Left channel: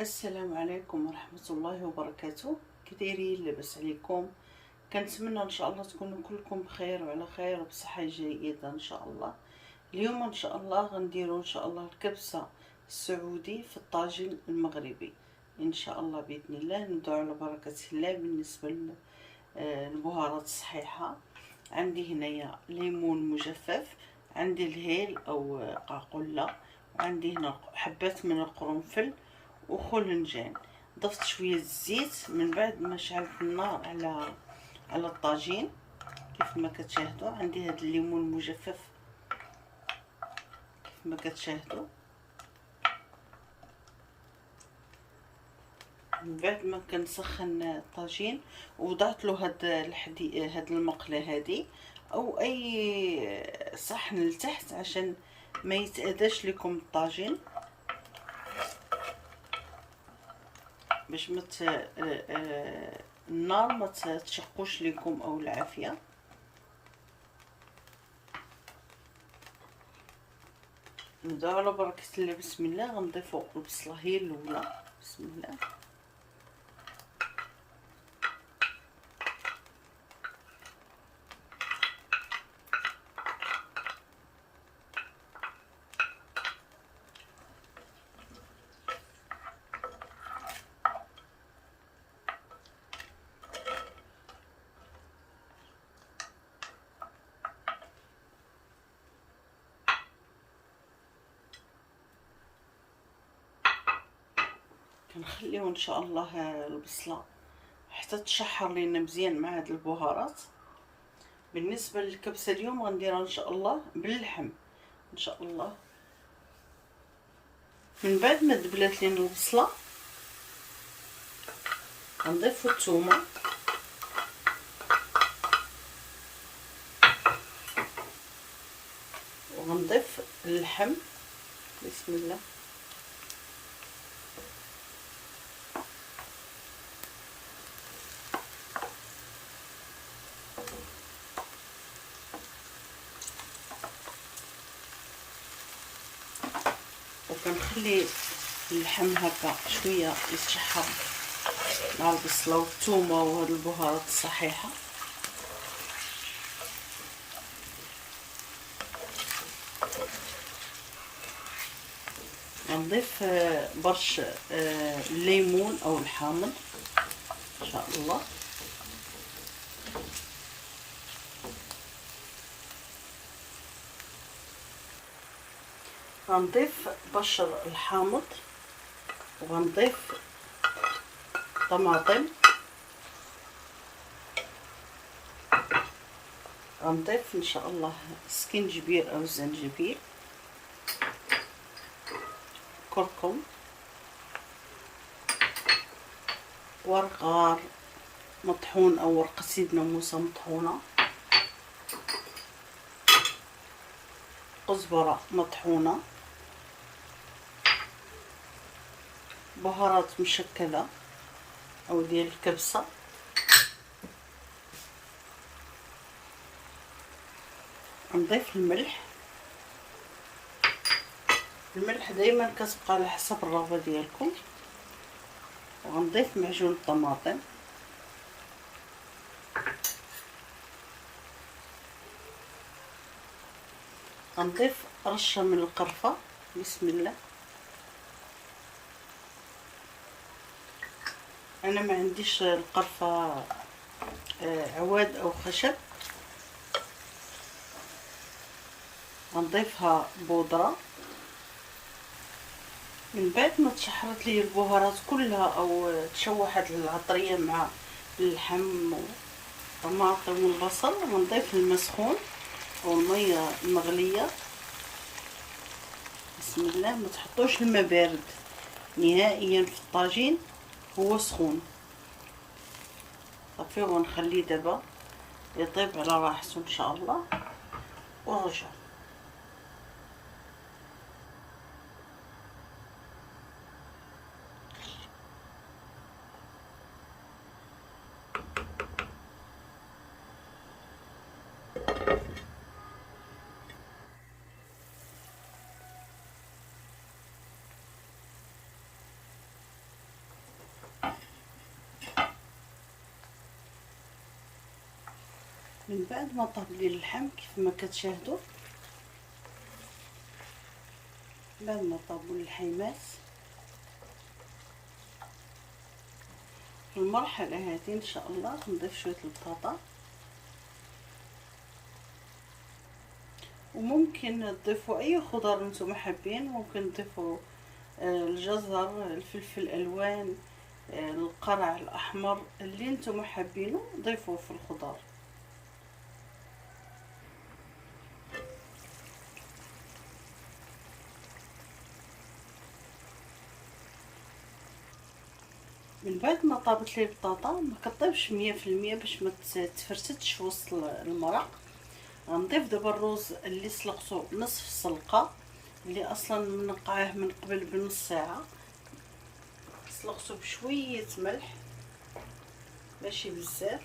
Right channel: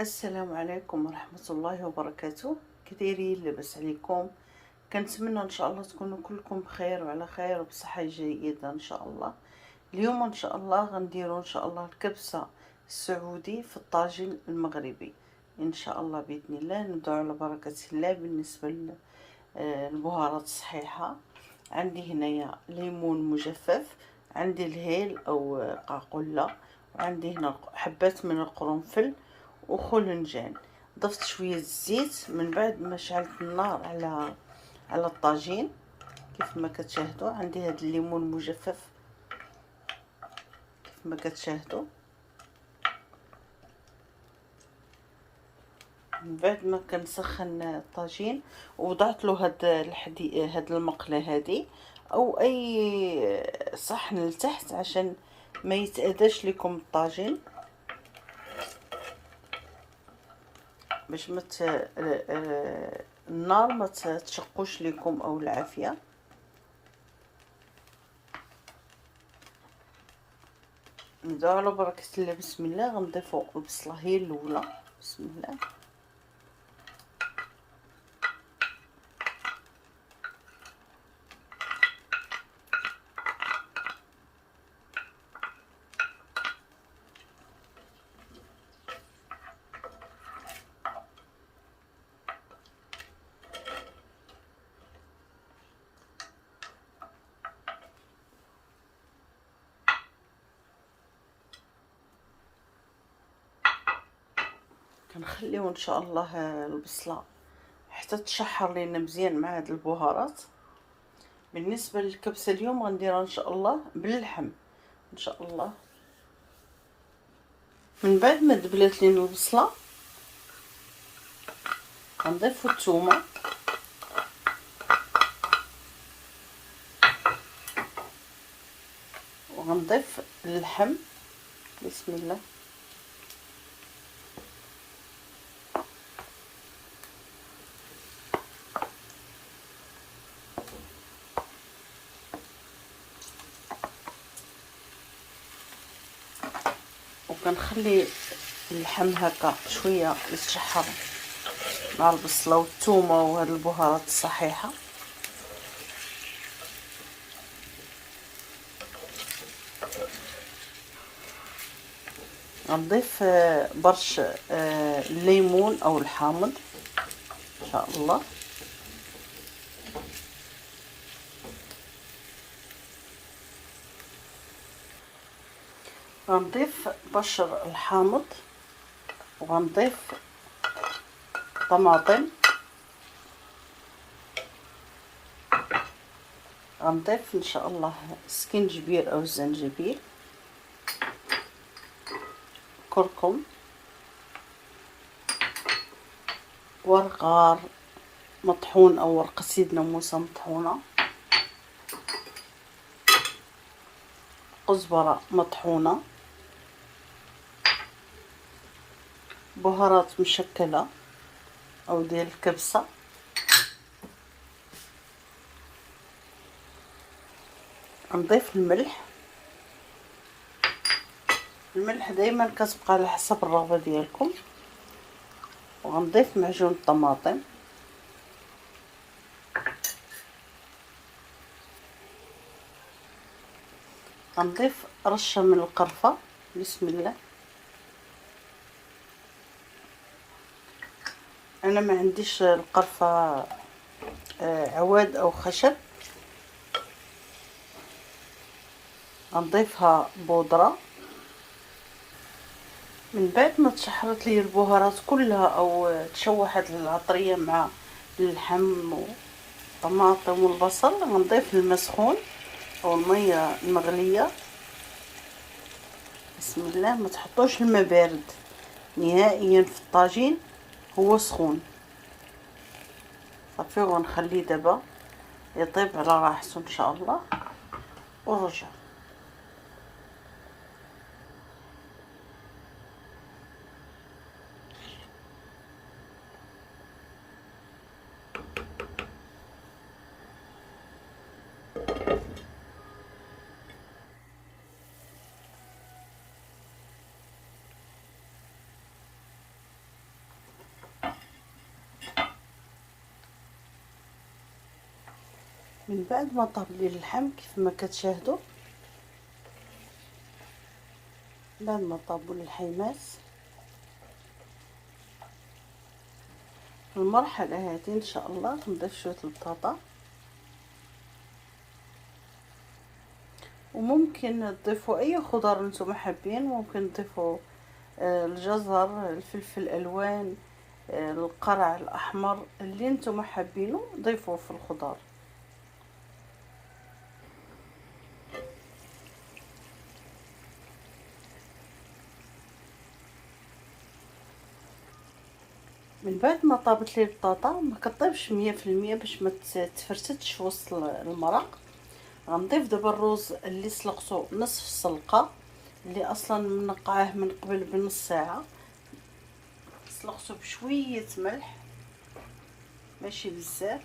السلام عليكم ورحمة الله وبركاته. كدايرين؟ لاباس عليكم؟ كنتمنى ان شاء الله تكونوا كلكم بخير وعلى خير وبصحة جيدة ان شاء الله. اليوم ان شاء الله غنديروا ان شاء الله الكبسة السعودي في الطاجين المغربي ان شاء الله باذن الله. نبداو على بركة الله. بالنسبة للبهارات الصحيحة، عندي هنايا ليمون مجفف، عندي الهيل او قاقولة، وعندي هنا حبات من القرنفل وخلنجان. ضفت شويه الزيت من بعد ما شعلت النار على الطاجين. كيف ما كتشاهدوا عندي هذا الليمون المجفف كيف ما كتشاهدوا. من بعد ما كنسخن الطاجين ووضعت له هاد المقله هادي او اي صحن لتحت عشان ما يتأذاش لكم الطاجين، باش النار ما تشقوش لكم او العافيه. نبداو على بركه الله. بسم الله. غنضيفوا البصله هي الاولى. بسم الله. كنخليو ان شاء الله البصله حتى تشحر لينا مزيان مع هاد البهارات. بالنسبه للكبسه اليوم غنديرها ان شاء الله باللحم ان شاء الله. من بعد ما دبلات لينا البصله غنضيفو الثومه وغنضيف اللحم. بسم الله. وكنخلي اللحم هكا شويه يتشحر مع البصله والثومه وهاد البهارات الصحيحه. غنضيف برش الليمون او الحامض ان شاء الله. غنضيف بشر الحامض وغنضيف طماطم. غنضيف ان شاء الله سكنجبير او الزنجبيل، كركم، ورق غار مطحون او ورقة سيدنا موسى مطحونة، كزبرة مطحونة، بهارات مشكلة او ديال الكبسة، نضيف الملح. الملح دائما كتبقى على حسب الرغبة ديالكم. وغنضيف معجون الطماطم، غنضيف رشة من القرفة. بسم الله. انا ما عنديش القرفة عواد او خشب، غنضيفها بودرة. من بعد ما تشحرت لي البهارات كلها او تشوحت العطرية مع اللحم والطماطم والبصل، غنضيف الماء سخون او المية المغلية. بسم الله. ما تحطوش الماء بارد نهائيا في الطاجين، هو سخون. صافي. ونخليه دابا يطيب على راحته ان شاء الله ونرجع. من بعد ما طاب لي اللحم كيف ما كتشاهدوا، بعد ما طابوا اللحيمات في المرحله هذه ان شاء الله نضيف شويه البطاطا، وممكن تضيفوا اي خضار نتوما حابين. ممكن تضيفوا الجزر، الفلفل الالوان، القرع الاحمر، اللي نتوما حابينه ضيفوه في الخضار. من بعد ما طابت لي البطاطا، ما كطيبش 100% باش ما تفرتتش وسط المرق. غنضيف دابا الروز اللي سلقته نصف السلقه، اللي اصلا منقعاه من قبل بنص ساعه، سلقته بشويه ملح ماشي بزاف.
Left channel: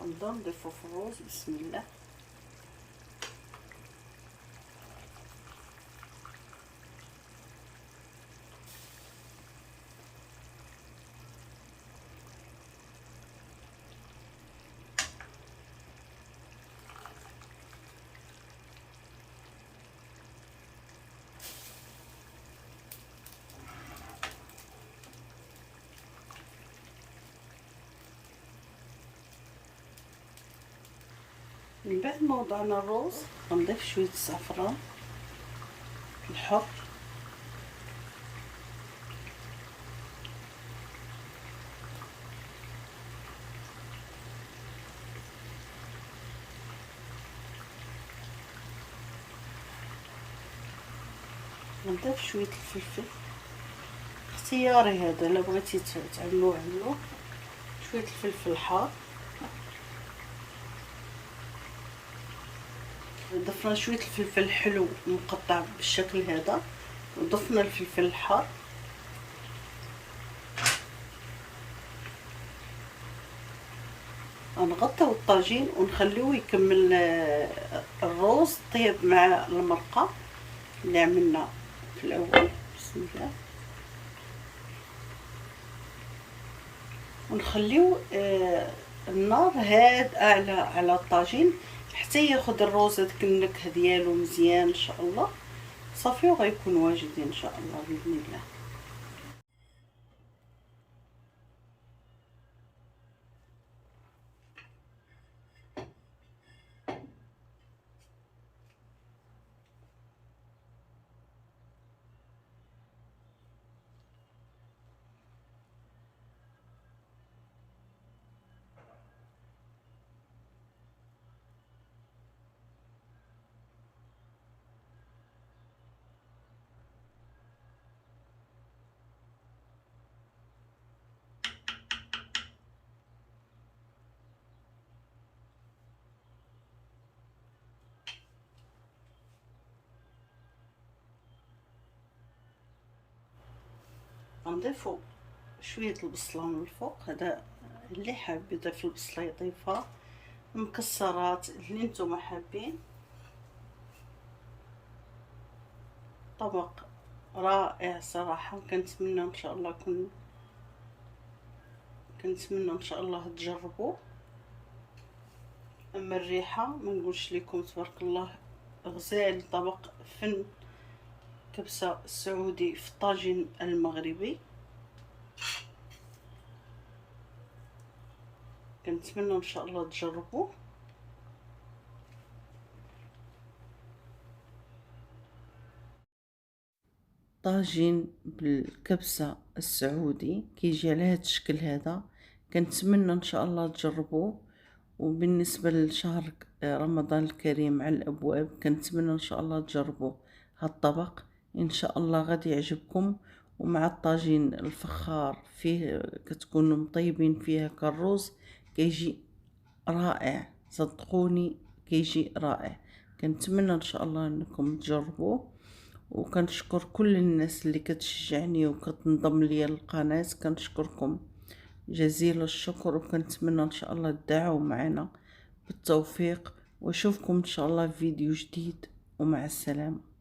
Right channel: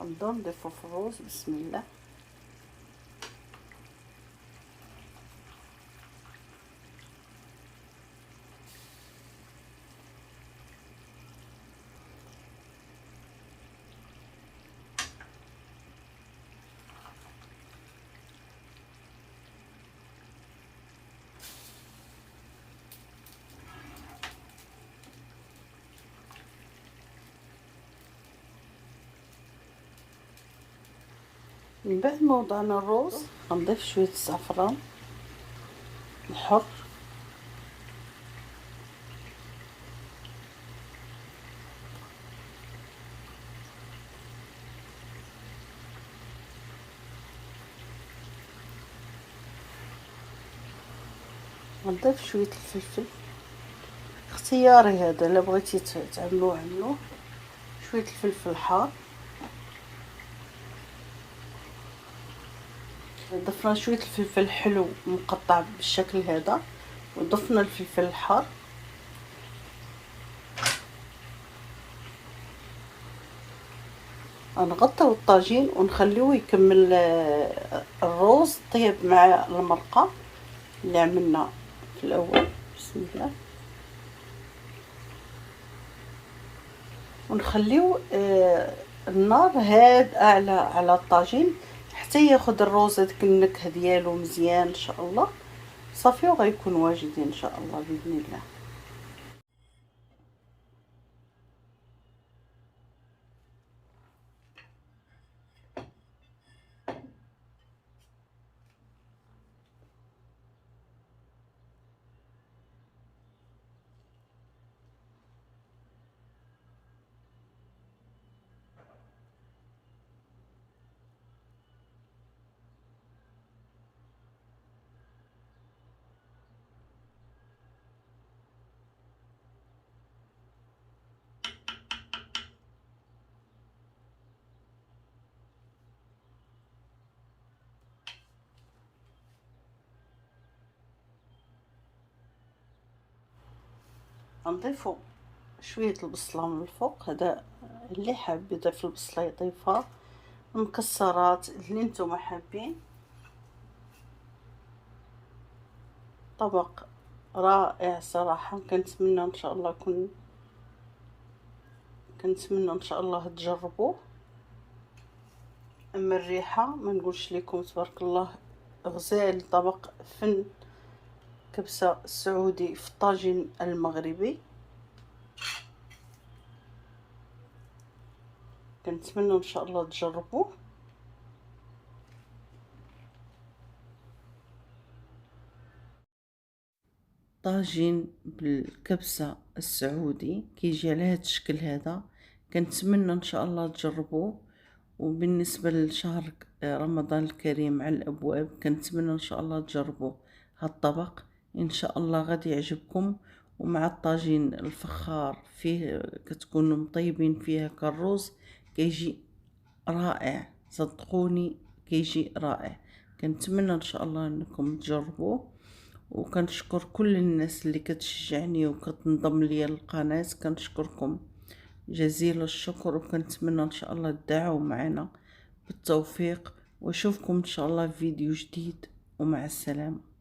غنبداو نضيفو في الروز بسم الله. من بعد ما وضعنا الروز غنضيف شويه الزعفران الحر، غنضيف شويه الفلفل اختياري هذا، الا بغيتي تعملوه عملوه. شويه الفلفل الحار، ضفنا شويه الفلفل الحلو مقطع بالشكل هذا، وضفنا الفلفل الحار. غنغطيو الطاجين ونخليوه يكمل الروز طيب مع المرقه اللي عملنا في الاول. بسم الله. ونخليو النار هادئه على الطاجين حتى ياخذ الروز هذيك النكهه ديالو مزيان ان شاء الله. صافي وغيكون واجدين ان شاء الله باذن الله. غنضيفو شويه البصله من الفوق، هذا اللي حاب يضيف البصله يضيفها، مكسرات اللي نتوما حابين. طبق رائع صراحه، كنتمنى ان شاء الله كنتمنى ان شاء الله تجربوه. اما الريحه ما نقولش لكم تبارك الله، غزال طبق فن كبسه سعودي في الطاجين المغربي. كنتمنى ان شاء الله تجربوه. طاجين بالكبسه السعودي كيجي على هذا الشكل هذا، كنتمنى ان شاء الله تجربوه. وبالنسبه لشهر رمضان الكريم على الابواب، كنتمنى ان شاء الله تجربوا هذا الطبق، ان شاء الله غادي يعجبكم. ومع الطاجين الفخار فيه كتكونوا مطيبين فيها كالروز، كيجي رائع صدقوني، كيجي رائع. كنتمنى ان شاء الله انكم تجربوه. وكنشكر كل الناس اللي كتشجعني وكتنضم ليا للقناه، كنشكركم جزيل الشكر. وكنتمنى ان شاء الله تدعوا معنا بالتوفيق، واشوفكم ان شاء الله في فيديو جديد، ومع السلامه.